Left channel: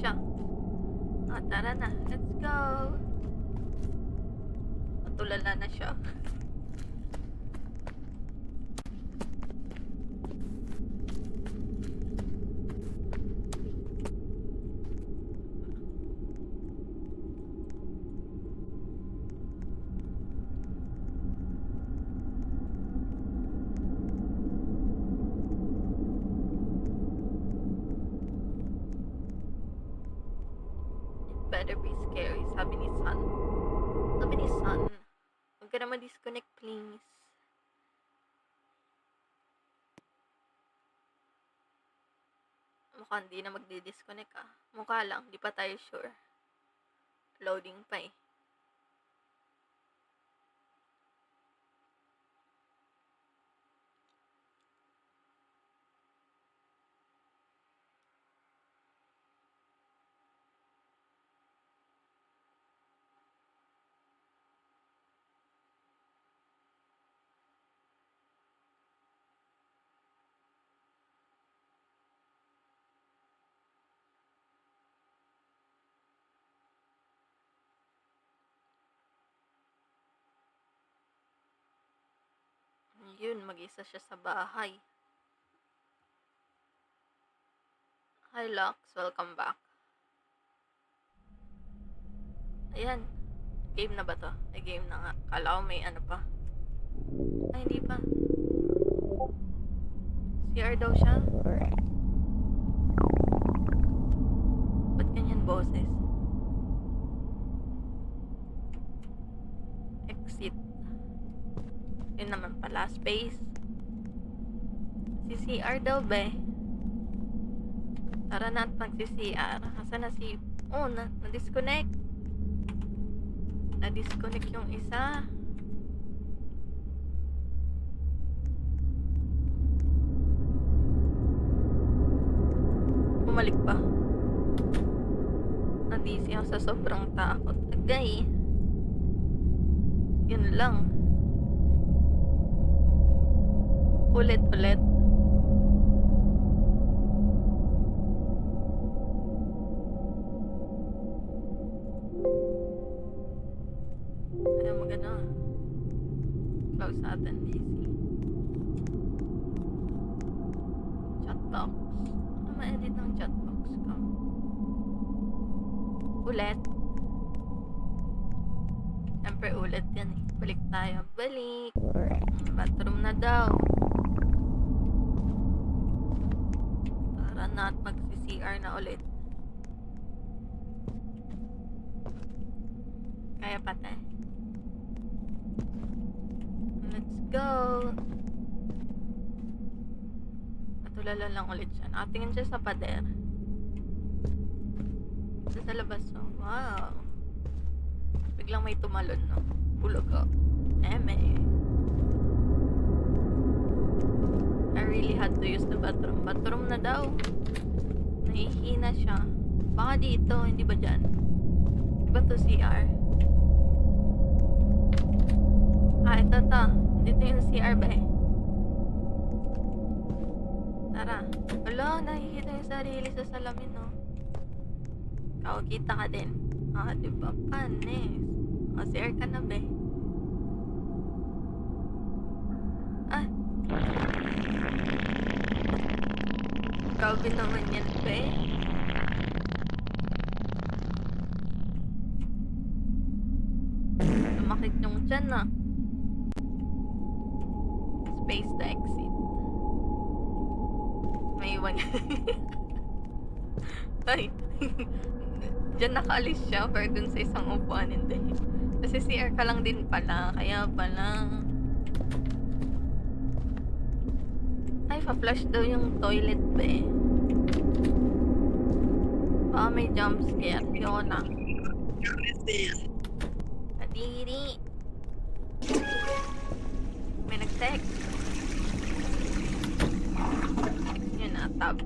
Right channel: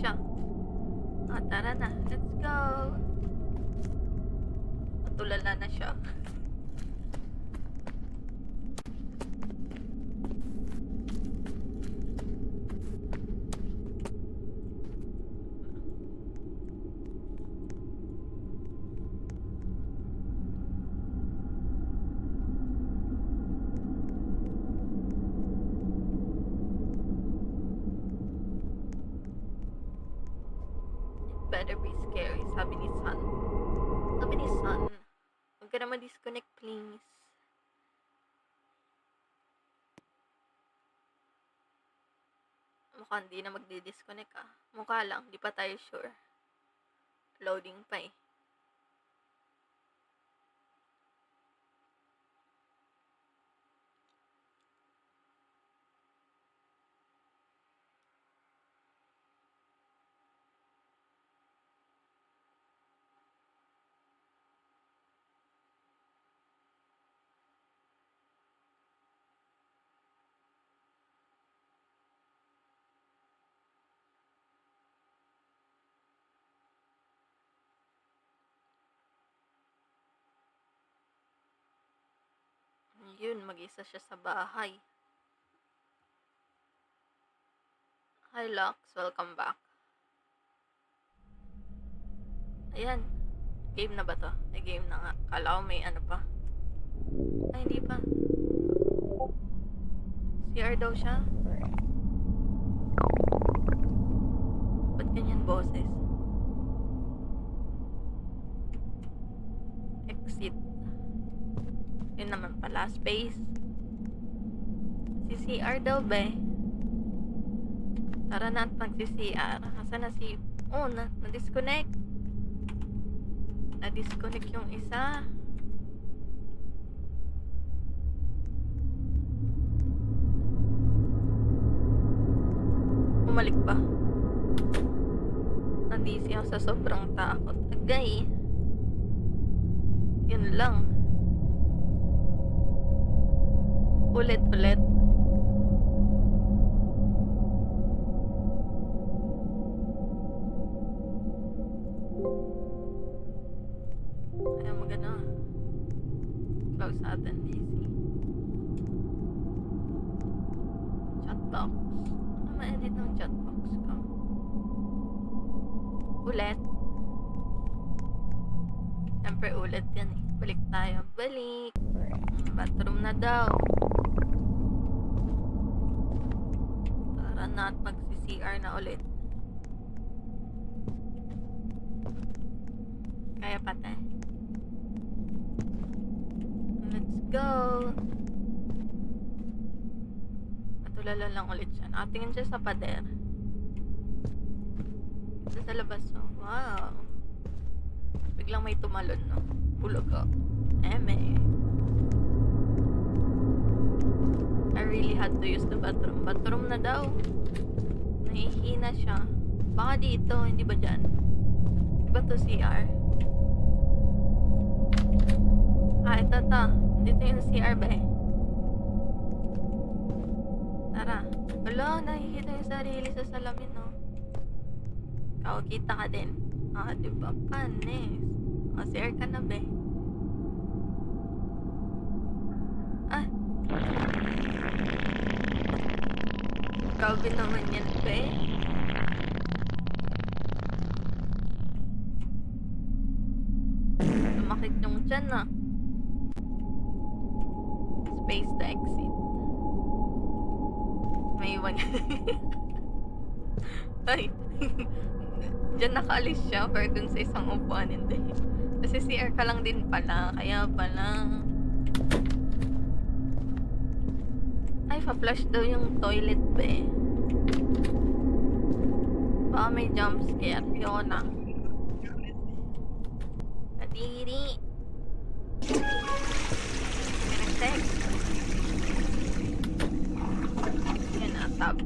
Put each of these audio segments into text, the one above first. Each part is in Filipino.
siya. Tara na. Let's go. Natulala na siya. Better be scary, sabi ni Sun. Sabi ni Sun, huwag ka na ma-disconnect, please. Mukhang hindi na magdi-disconnect Mukha lang, di pa tayo sure. Loading pa eh. Yun, mag-isa siya sa bahay. Hi, Lux. Welcome back. Ayan. Game na ba to? Ay, game na nga. Kala ko may ano pa. Ay, hindi pa. CR daw siya. Ba't ganyan boses? Exit. Yun naman pala, space. Si CR daw ba eh? Tara na at magsi-CR. Asan na si... Oh, na-disconnect. Na-disconnect yung isa. Bumalik pa. Nadisi ako sa sobrang takot. Agay. Yun lang. Ulit-ulit. Ayaw magano. Close natin DC. Chatbox. Ma-edit ng chatbox ko. Ulit. Siyempre ulit yan eh. Balik tayo. Balik. Bathroom na daw. Tara na at magsi-CR na ulit. Kaya pate. Let's go. Patulala lang ulit siya. Nakatingin siya sa pader. Ito sa labas. Oh, wow. Biglang may tumalon, no? Bulog ko. Eme. I really had to use the bathroom. Bathroom na daw. Nahihina siya. Baka dito, hindi ba dyan? Di ba to CR? Ito to. Dito yung CR ba eh? Tara. Wala, nakikita yung sarili sa salamin, no? Ikaw, kita ka din. Diba? Panis. CR ka na, be. Grabe naman yan, be. Sumakit yung tiyan, Space to exit. May iwan. Ay. Diyan nakaalis siya, pero dun sa isang upuan, hindi. Kasi CR ka lang din pala, kaya pala. Ay, pa-flush daw yung toilet, be. Baka may jump scare. Ayoko na. Kadiri. May nag-text. Yun na, tab.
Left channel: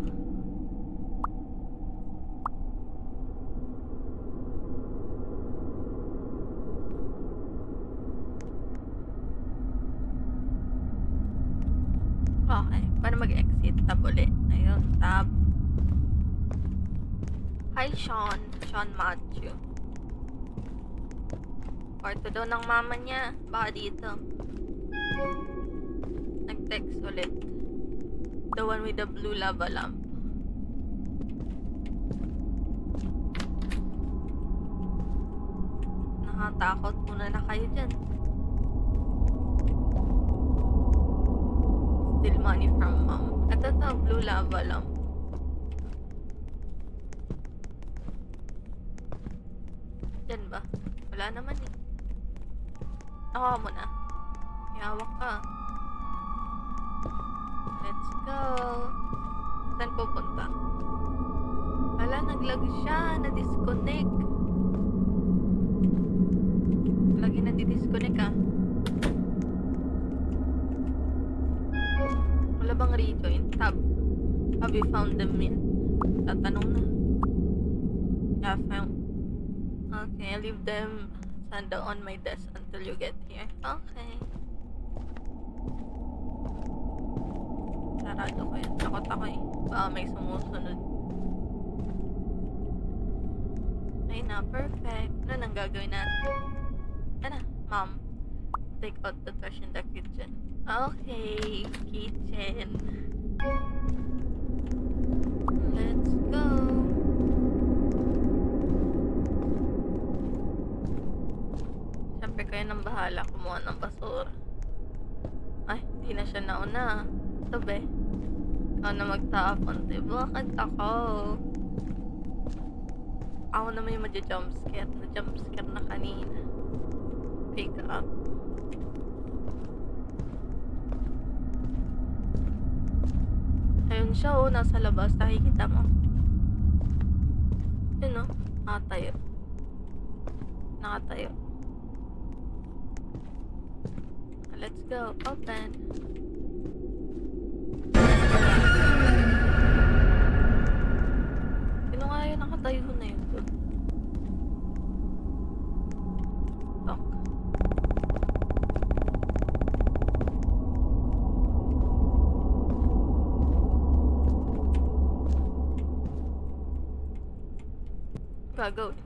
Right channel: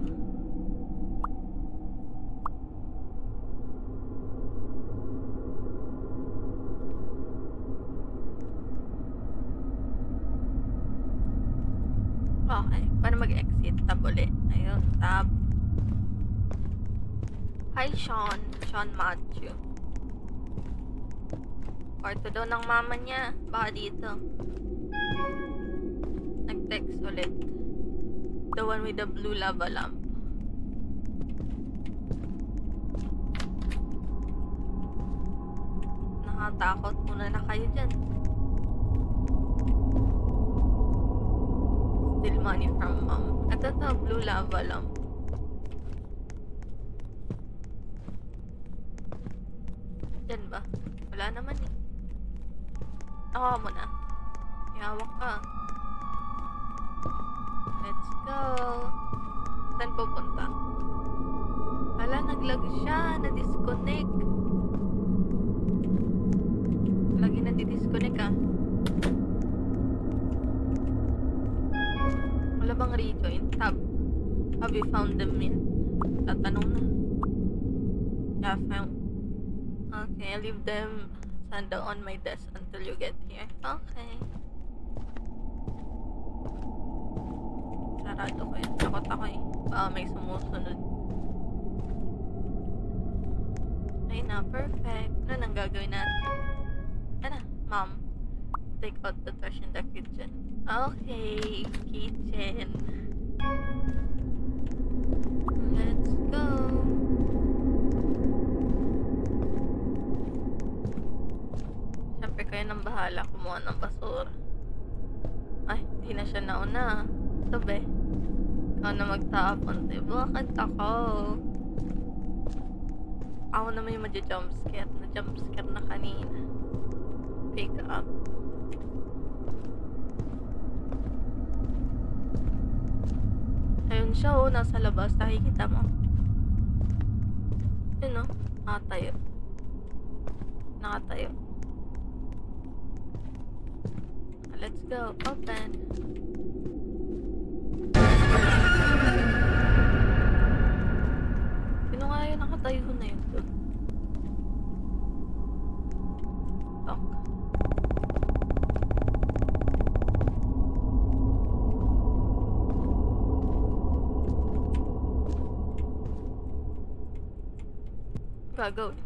Okay, paano mag-exit? Tab ulit. Ayun, tab. Hi, Sean. Sean Matthew. Kwarto daw ng mama niya. Baka dito. Nag-text ulit. The one with the blue lava lamp. Nakatakot muna na kayo dyan. Still money from mom. Ito to, blue lava lamp. Dyan ba? Wala naman eh. Tawa mo na. Ihawak ka. Let's go. Saan pupunta? Wala, naglag siya. Na-disconnect. Lagi na-disconnect ah. Wala bang rejoin? Tab. Have you found them yet? Tatanong na. Yeah, found. Okay, leave them sanda on my desk until you get here. Okay. Sarado ko yun. Takot ako eh. Baka may sumusunod. Ay na, perfect. Ano nang gagawin natin? Ano, mom. Take out the trash in the kitchen. Okay, kitchen. Let's go. Siyempre kayo nang bahala kumuha ng basura. Ay, di na siya nauna. Ito be. Ikaw na magtapon, diba? Bakit ako? Ako naman yung madya-jumpscare. Na-jumpscare na kanina. Pick up. Ayun siya oh, nasa labas. Nakikita mo. Yun oh, nakatayo. Nakatayo. Let's go. Open. Sino nga yun nakatayo na yun? Talk. Gagawin.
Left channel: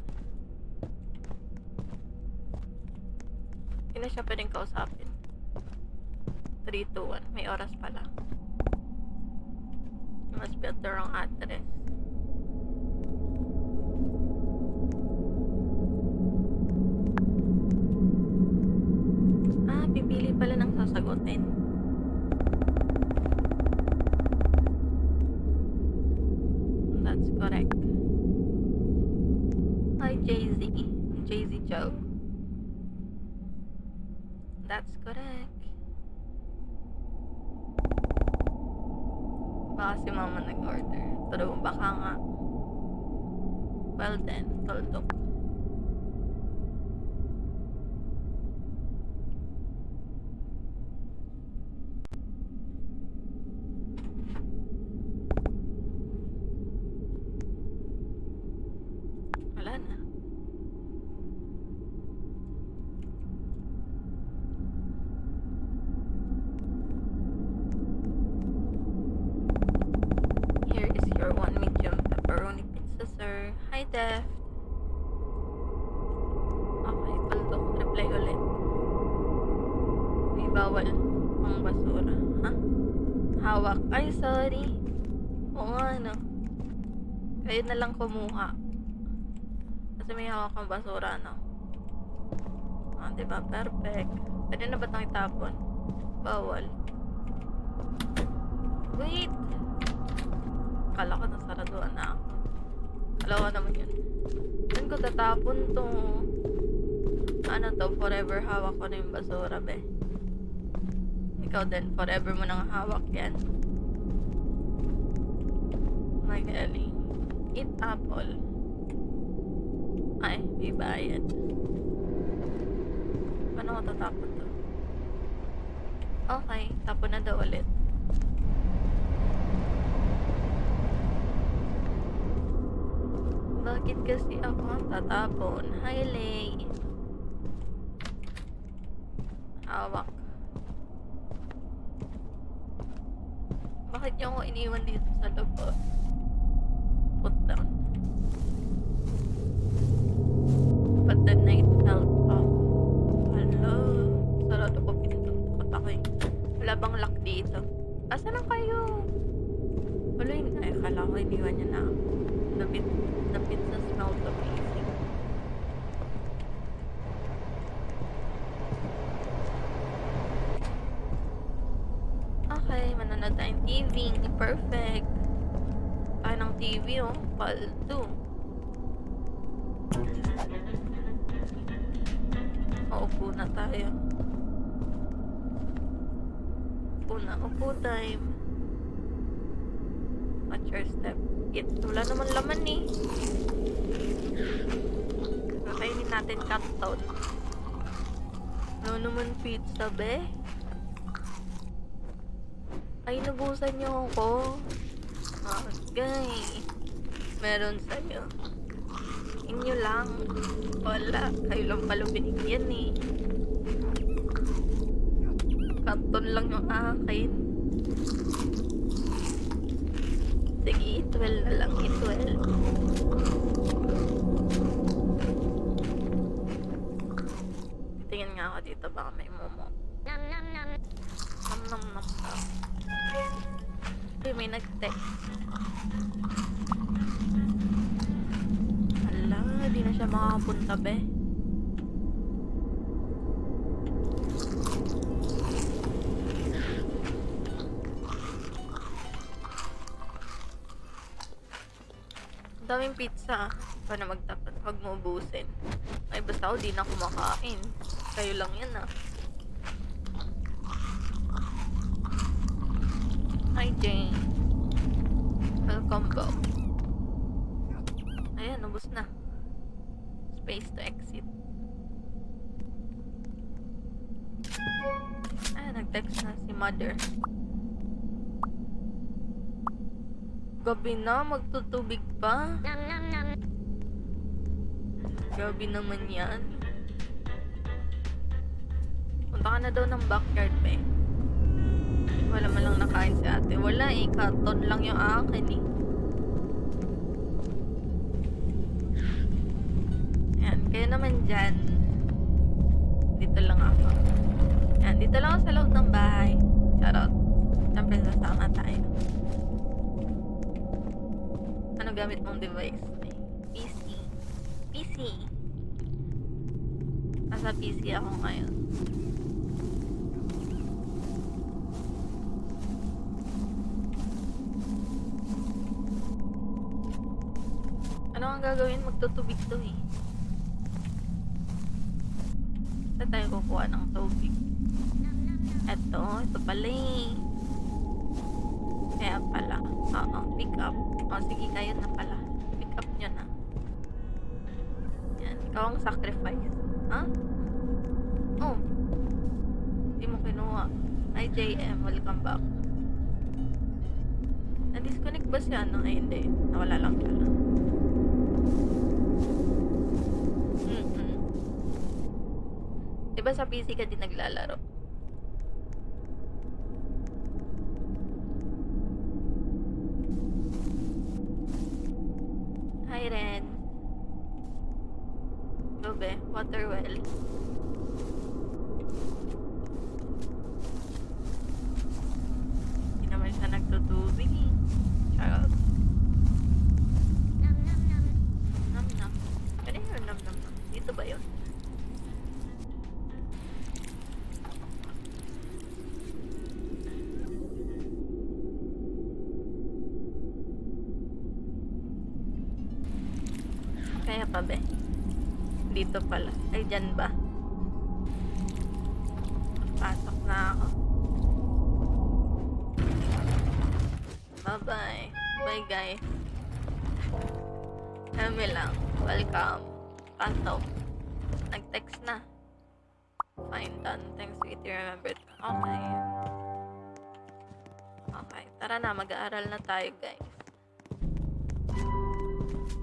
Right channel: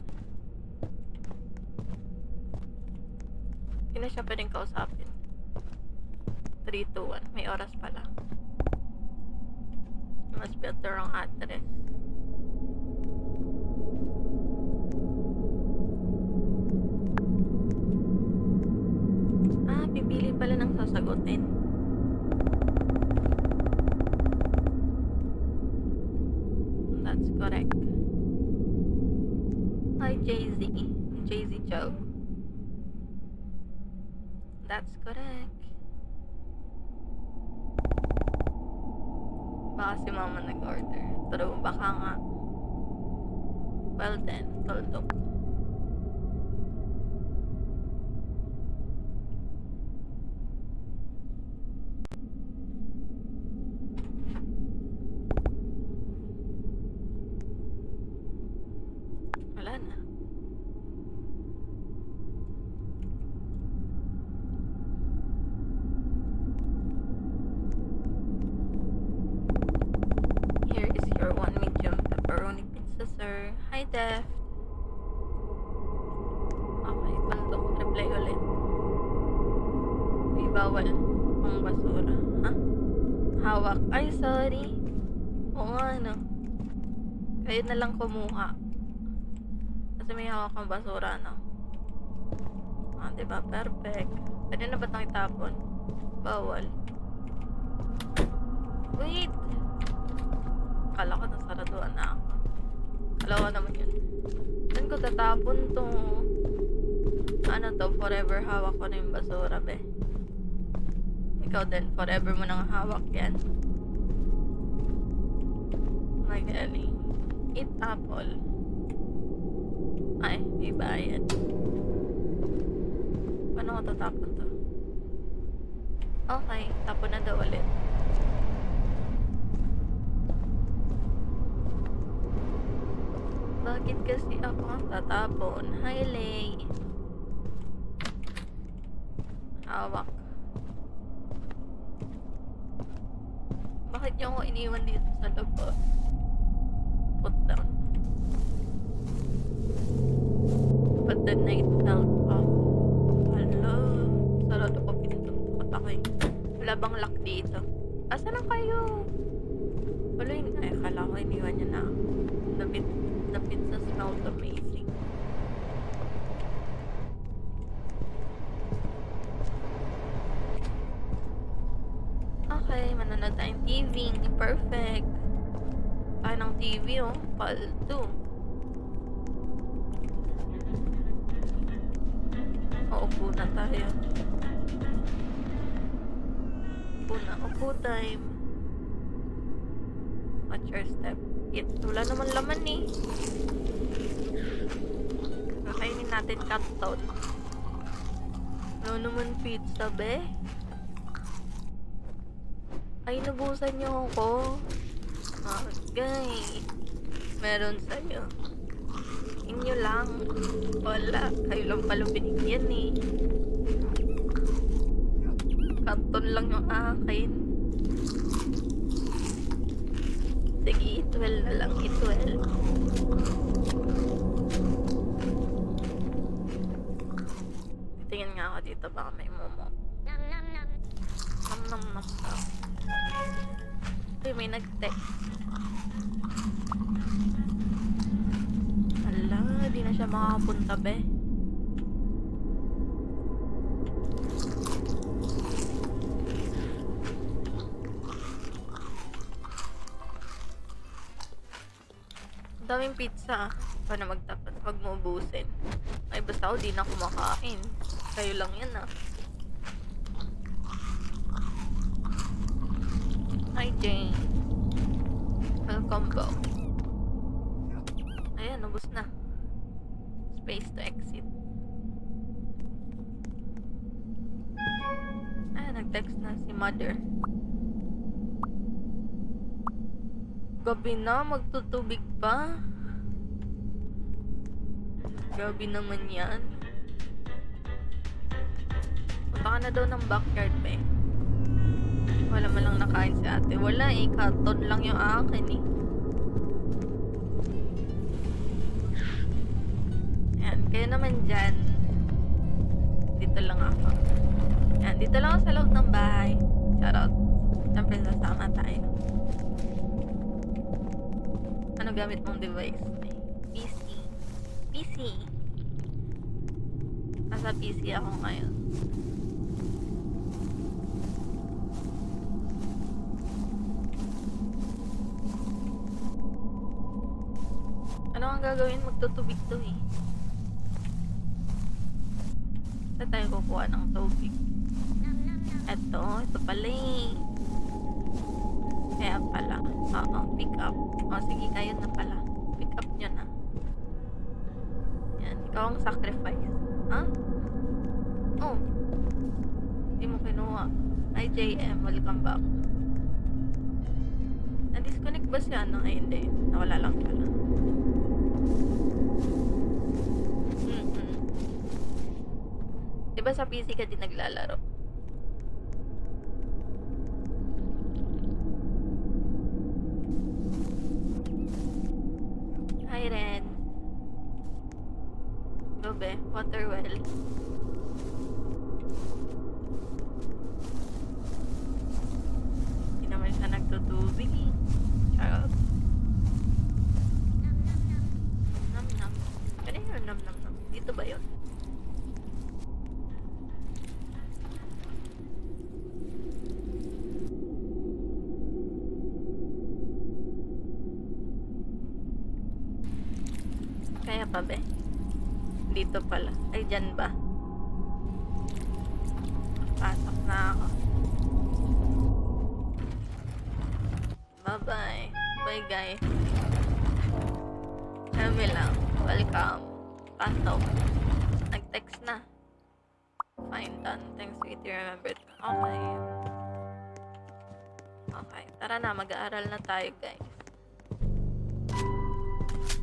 Hindi na siya pwedeng kausapin. 3, 2, 1. May oras pala. You must be at the wrong address. Ah, pipili pala ng sasagutin. That's correct. Hi, Jay-Z. Jay-Z Joe. That's correct. Baka si mama nag-order. Pero baka nga. Well then, tuldok. Wala na. Here is your 1 medium pepperoni pizza, sir. Hi, Def. Okay, tuldok. Reply ulit. May bawal ang basura. Ha? Hawak. Ay, sorry. Oo nga, no. Kayo na lang kumuha. Kasi may hawak kang basura, no? Ah, diba? Perfect. Pwede na ba itong itapon? Bawal. Wait! Akala ko nasaraduan na ako. Akala ko naman yun. Saan ko tatapon to? Ano to? Forever hawak ko na yung basura, be. Ikaw din. Forever mo nang hawak yan. Magaling. Eat apple. Ay, may bayad. Paano ko tatapon to? Okay, tapon na daw ulit. Bakit kasi ako ang tatapon? Hi, Lay. Hawak. Bakit niyo ako iniwan dito sa labas? Put down. But the night felt off. Hala, sarado ko pinto. Takot ako eh. Wala bang lock dito? Asa na kayo? Wala yun. Ay, akala ko iniwan niya na ako. The pizza smelled amazing. Okay, manonood tayong TV. Perfect. Ay, ng TV oh. Paldo. Upo na tayo. Upo time. Watch your step. Wala naman laman eh. Kakainin natin canton. Ano naman pizza be? Ay, nabusan niyo ako. Okay. Meron sa'yo. Inyo lang. Wala. Kayo lang pala binigyan eh. Canton lang yung akin. Sige, 12 na lang. 12. Tingin nga ako dito. Baka may momo. Nam nam nam. Nam nam nam daw. Ay, may nag-text. Hala, di na siya makakapunta be. Ang daming pizza. Paano magtapat? Huwag mo ubusin. Ay, basta ako di na kumakain. Kayo lang yan ah. Hi, Jane. Welcome back. Ayan, ubos na. Space to exit. Ayan, nag-text na si mother. Gabi na, magtutubig pa. Gabi naman yan. Punta ka na daw ng backyard pa eh. Wala man lang nakain si ate. Wala eh, canton lang yung akin eh. Ayan, kayo naman dyan. Dito lang ako. Ayan, dito lang ako sa loob ng bahay. Shoutout. Siyempre sasama tayo. Ano gamit mong device? PC. PC. Nasa PC ako ngayon. Ano ang gagawin? Magtutubig to eh. Saan tayo kukuha ng tubig? Ito pala eh. Kaya pala. Oo, pick up. O, sige, kayo na pala. Pick up nyo na. Yan, ikaw ang sacrifice. Ha? Oh. Hindi mo kinuha. Hi, JM. Welcome back. Na-disconnect ba siya? No? Ay, hindi. Nawala lang pala. Diba sa PC ka din naglalaro? Hi, Ren. Gobe, water well. Hindi naman siya nagtutubig eh. Charot. Nam nam nam. Nam nam. Kaya yun, nam nam nam. Dito ba yun? Kaya pa be? Dito pala. Ay, dyan ba? Pasok na ako. Bye-bye. Bye, guys. Kami lang. Welcome. Pasok. Nag-text na. Fine, done. Thanks, sweetie. Remembered. Okay. Okay. Tara na. Mag-aaral na tayo, guys.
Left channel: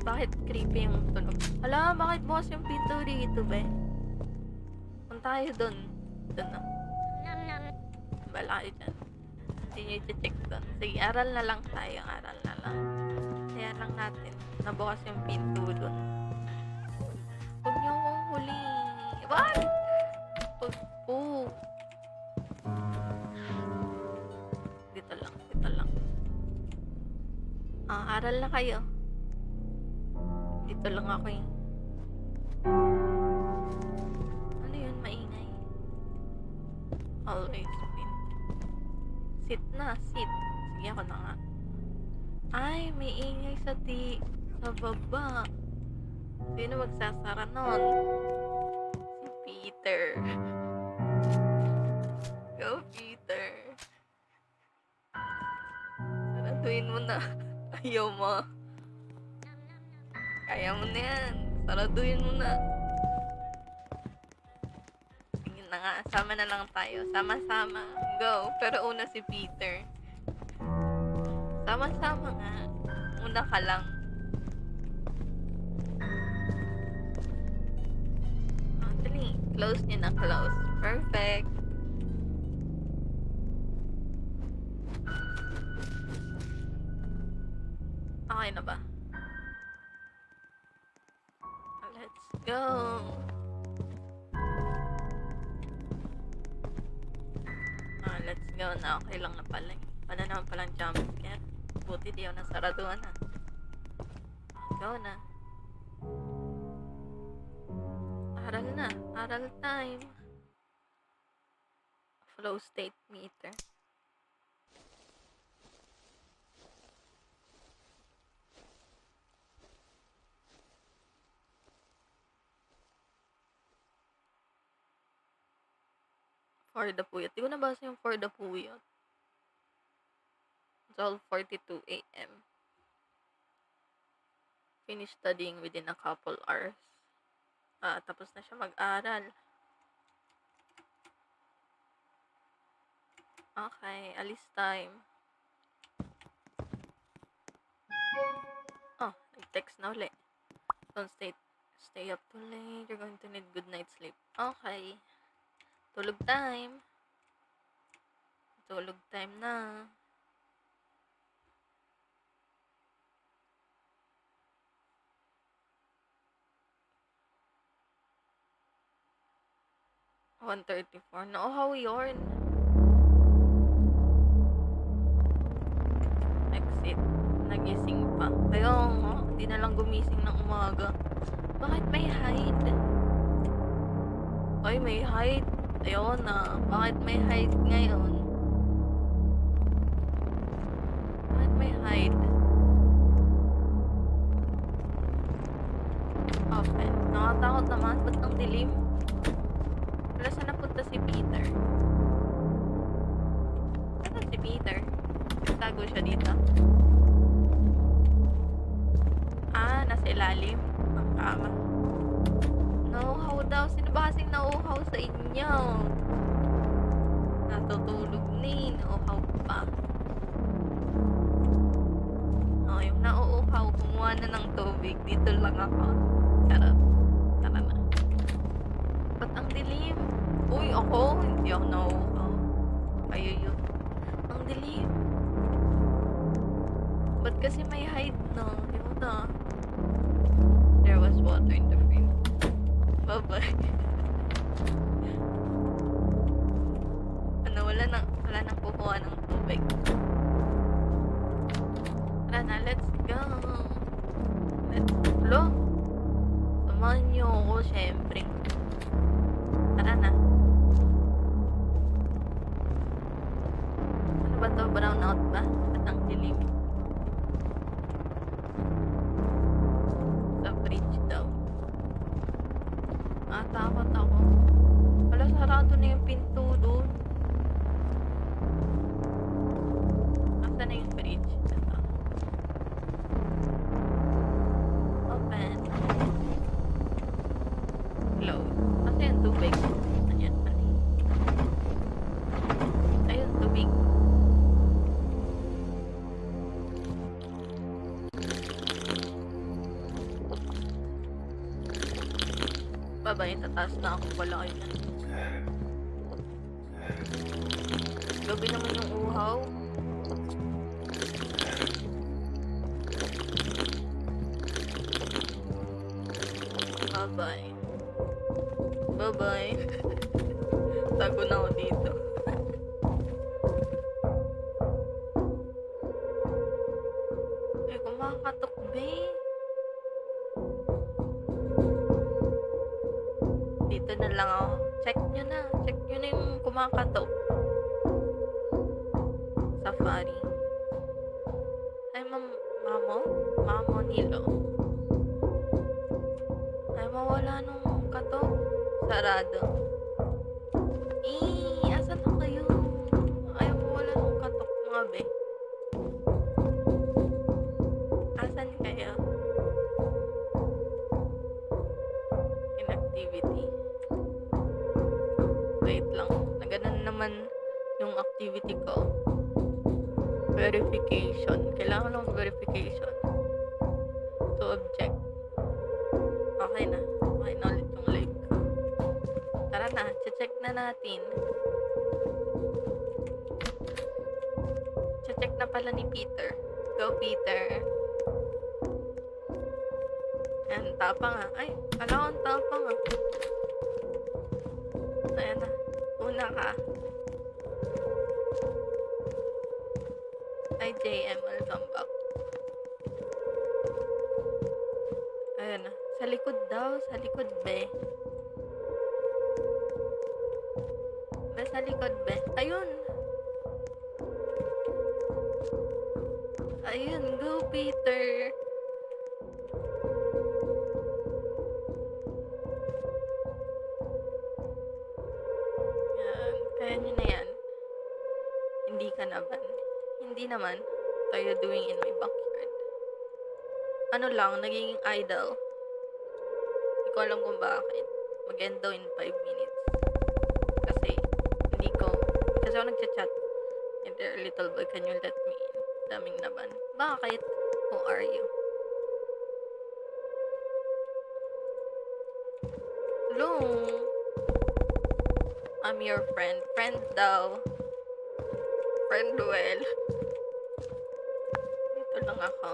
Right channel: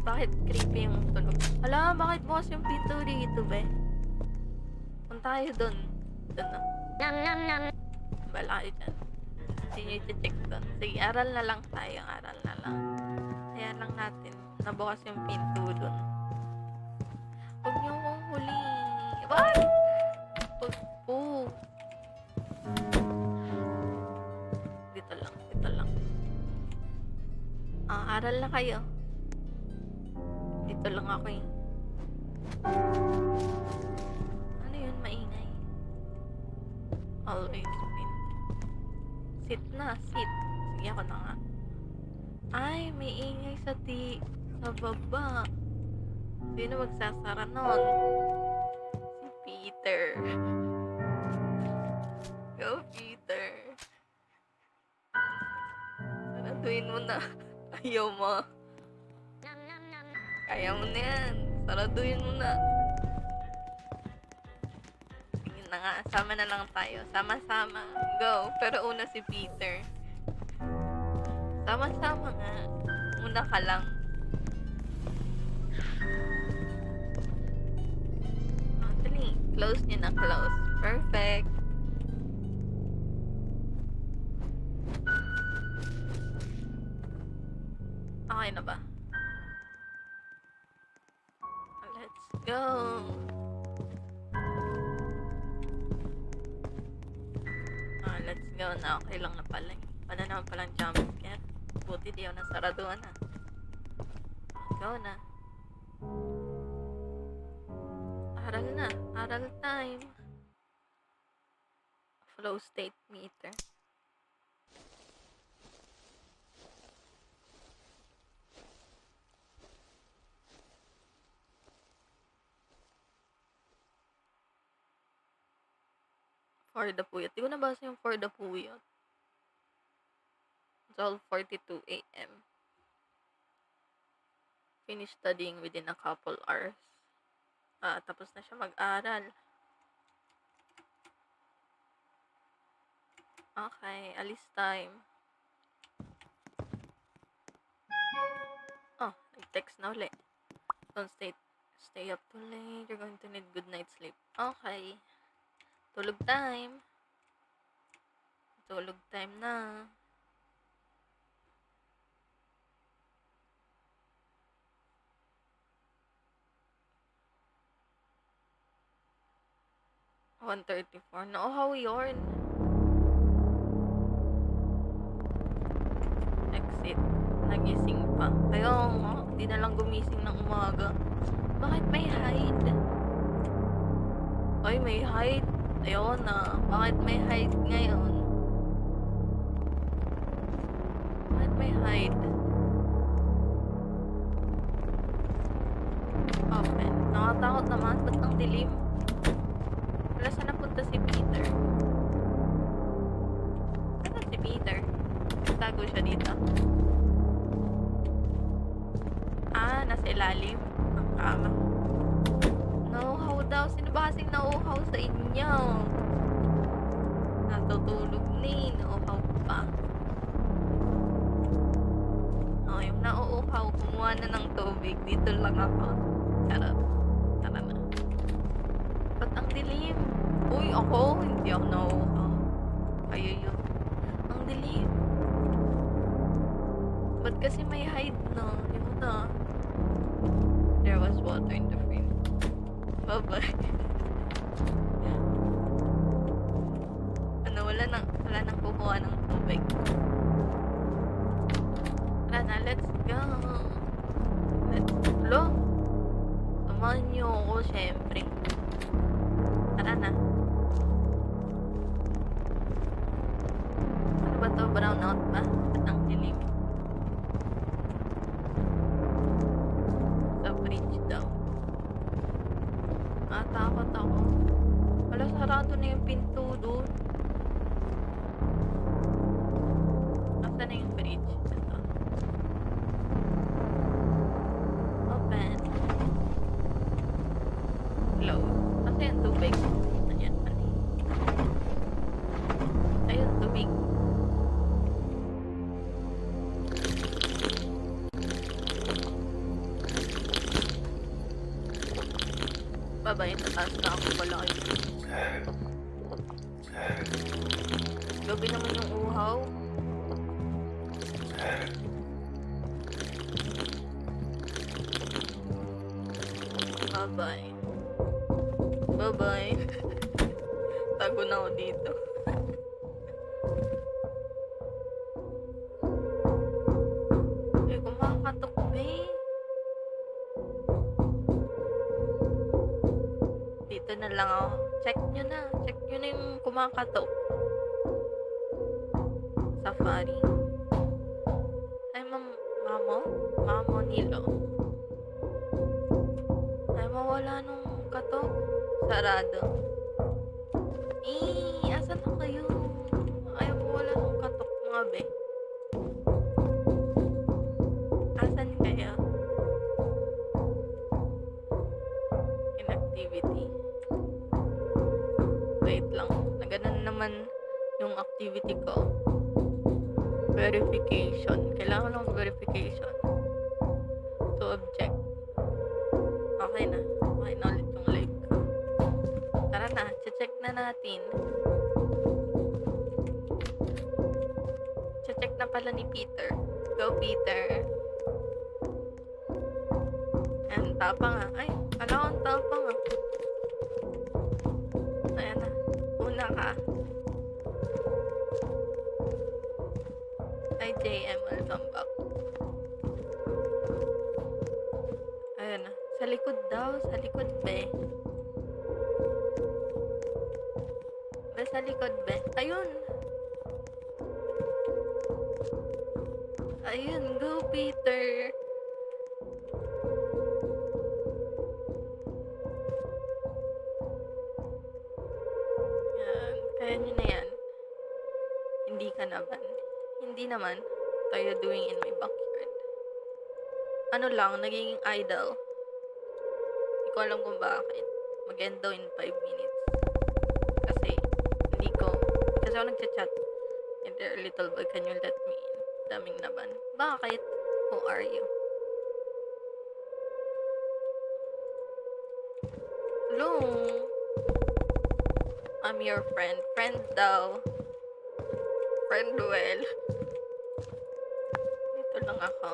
Bakit creepy yung tunog? Hala, bakit bukas yung pinto dito, be? Punta tayo dun. Dun na. Nam, nam, nam. Bala kayo dyan. Hindi nyo i-check dun. Sige, aral na lang tayo. Aral na lang. Kaya lang natin. Nabukas yung pinto dun. Huwag nyo kong Mag-aral na kayo. Dito lang ako eh. Ano yun, maingay? Always win. Sit na, sit. Sige, ako na nga. Ay, may ingay sa baba. Sino magsasara nun? Si Peter. Go, Peter. Saraduhin mo na. Ayaw mo. Kaya mo na yan. Saraduhin mo na. Sige na nga. Sama na lang tayo. Sama-sama. Go. Pero una si Peter. Sama-sama nga. Una ka lang. Dali. Close niya na. Close. Perfect. Okay na ba? Let's go. Let's go na. Okay lang na pala. Paano naman palang jump scare? Buti di ako nasaraduhan na. Go na. Aral na. Aral time. Flow state meter. For the Puyat. Di ko nabasa yung For the Puyat. 12:42 a.m. Finish studying within a couple hours. Tapos na siya mag-aral. Okay, alis time. Oh, nag-text na ulit. Don't stay up too late. You're going to need good night's sleep. Okay. Tulog time. Tulog time na. $1:34. Nauhaw yun. Exit. Nagising pa. Kaya nga, hindi na lang gumising ng umaga. Bakit may hide? Ay, may hide. Ayun na. Bakit may hide ngayon? Bakit may hide? Open. Nakatakot naman. Ba't ang dilim? Wala saan napunta si Peter? Ano si Peter? Nagtago siya dito. Nasa ilalim ng kama. Nauhaw daw. Sino ba kasing nauhaw sa inyo? Natutulog ni. Nauhaw pa. Yung nauuhaw, kumuha na ng tubig. Dito lang ako. Charot. Tara na. Ba't ang dilim? Uy, ako. Hindi ako nauuhaw. Kayo yun. Ang dilim. Ba't kasi may hide na? Yun na. There was water in the fridge. Bye-bye. Wala nang kukuha ng tubig. Tara na, let's go. Hello? Samahan niyo ako, syempre. Tara na. Ano ba to? Brown out ba? Ba't ang dilim? Sa fridge daw. Takot ako. Wala, sarado na yung pinto doon. Nasaan na yung fridge? Ito. Open. Close. Kasi yung tubig. Ayan, mali. Ayun, tubig. Babay, tataas na ako pala kayo. Gabi naman yung uhaw. Bye-bye. Bye-bye. Tago na ako dito. Kumakain. Dito na lang ako. Check nyo na. Check nyo na yung kumakatok. Safari. Ay, Mamo? Mamo Nilo. Ay, mawala nung katok. Sarado. Asan na kayo? Ay, mawala nung katok mga be. Asan kayo? Inactivity. Wait lang. Naganon naman yung activity ko. Verification. Kailangan lang verification. To object. Okay na. Okay na ulit yung live ko. Tara na. Check na natin. Check na pala ni Peter. Go, Peter. Ayan, tapang nga. Ay, kala ko tapang nga. Ayan na. Una ka. Hi, JM. Welcome back. Ayan na. Sa likod daw. Sa likod, be. Be, sa likod, be. Ayun. Ayun. Go, Peter. Yan. Kaya nyo na yan. Hindi ka naman. Hindi naman. What are you doing in my backyard? Ano lang, naging idle. Hindi ko alam kung bakit. Mag-end daw in 5 minutes. Kasi, kasi ako nagchat-chat. And there, little boy, can you let me in? Daming naman. Bakit? Who are you? Hello? I'm your friend. Friend daw. Friend well. Dito lang ako.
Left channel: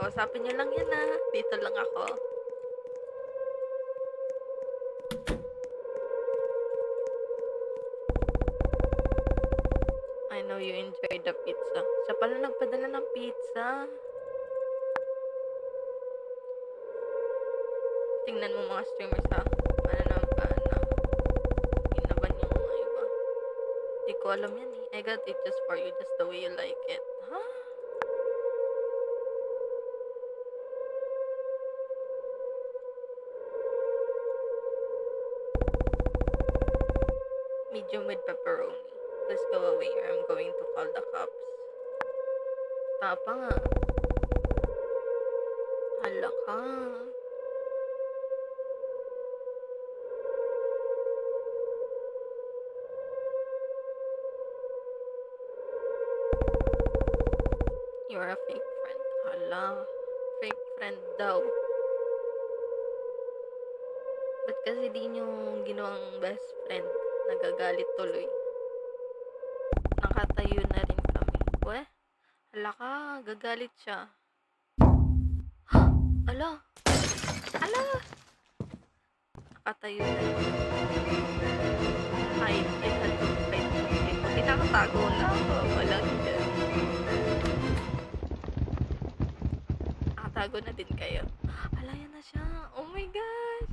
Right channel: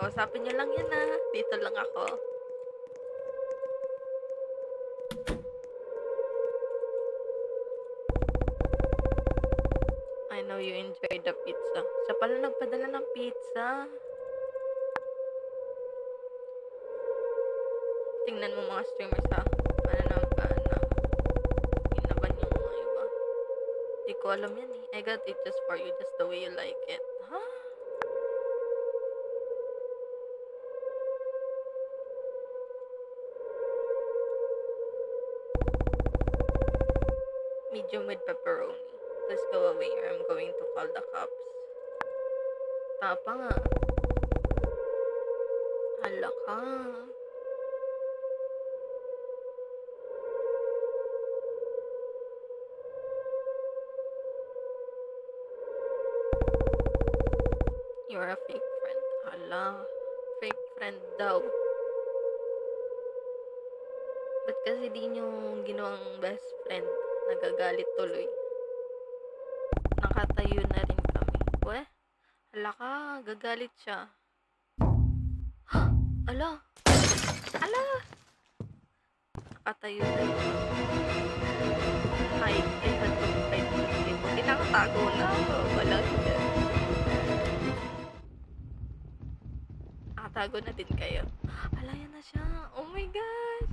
Kausapin nyo lang yan ah. Dito lang ako. I know you enjoyed the pizza. Siya pala nagpadala ng pizza. Tingnan mo mga streamers ha. Inaban yung mga iba. Di ko alam yan eh. I got it just for you, just the way you like it. Huh? Medium with pepperoni. Please go away or I'm going to call the cops. Tapa nga. Hala ka. You're a fake friend. Hala. Fake friend daw. Ba't kasi di nyo ginawang best friend? Nagagalit tuloy. Nakatayo na rin kami. Weh? Hala ka. Gagalit siya. Ala. Ala. Nakatayo na rin. Hide. I had to hide. Buti nakatago na ako. Wala dyan. Nakatago na din kayo. Ala, yan na siya. Oh my gosh.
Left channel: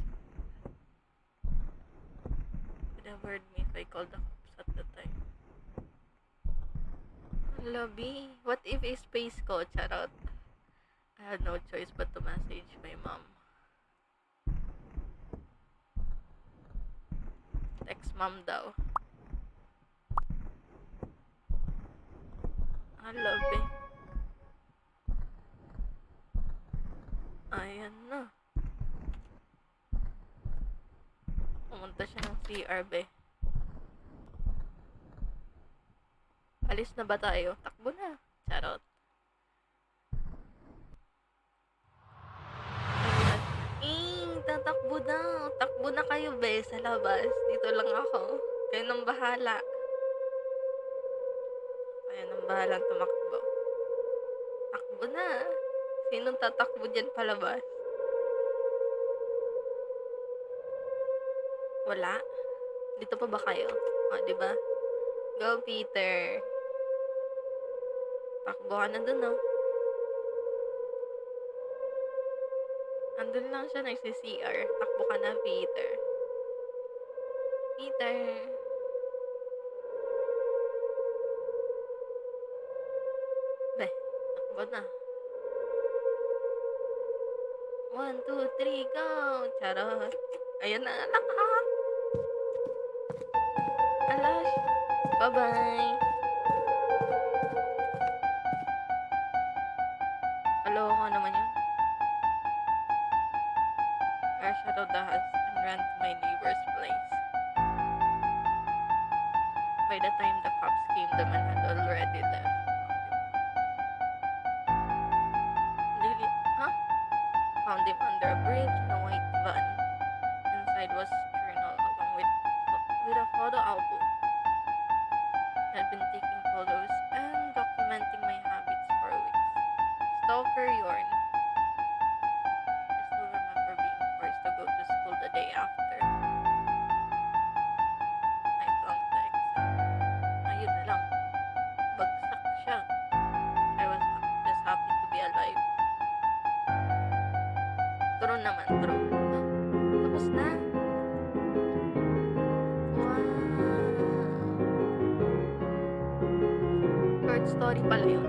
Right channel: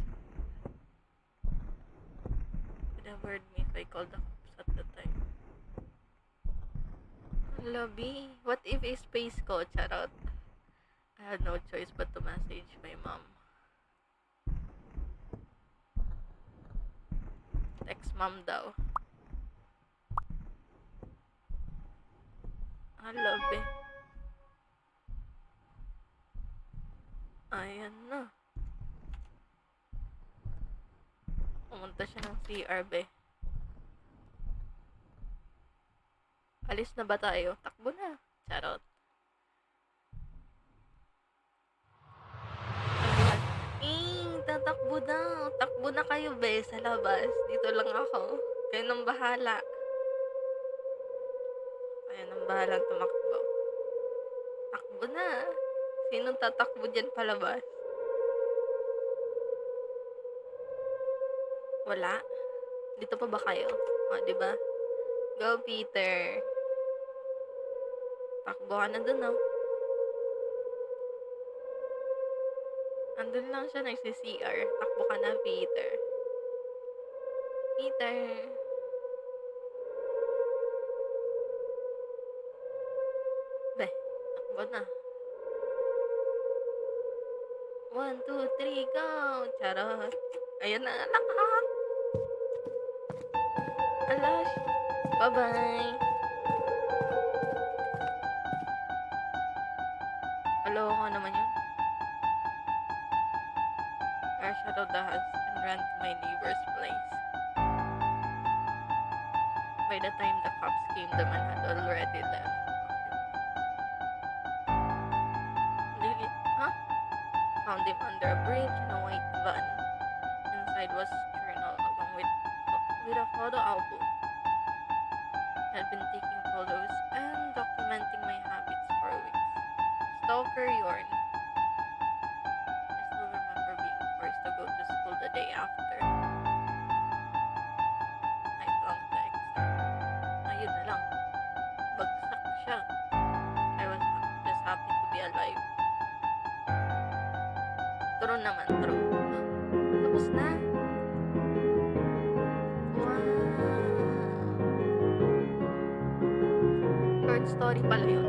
Would have heard me if I called the cops at the time. Lobby. What if a space ko? Charot. I had no choice but to message my mom. Text mom daw. Lobby. Ayan na. Pumunta siya ng CR, be. Alis na ba tayo? Takbo na. Charot. Ayan. Tatakbo na. Takbo na kayo, be, sa labas. Dito lang ako. Kayo nang bahala. Kayo nang bahala tumakbo. Takbo na. Sinong tatakbo dyan palabas? Wala? Dito pa ba kayo? O, diba? Go, Peter. Takbo ka na dun, oh. Andun lang siya nagsi-CR. Takbo ka na, Peter. Peter. Beh, takbo na. 1, 2, 3, go! Charot. Ayun na, anak ah. Alash. Bye-bye. Aloka naman yun. I shadowed the house and ran to my neighbor's place. By the time the cops came, the man had already left. Lily, huh? Found him under a bridge in a white van. Inside was a journal along with a photo album. I had been taking photos and documenting my habits for weeks. Stalker Yorn. I still remember being forced to go to school the day after. I flunked the exam. Ayun na lang. Bagsak siya. I was just happy to be alive. True naman, true. Huh? Tapos na. Wow. Short story pala yun.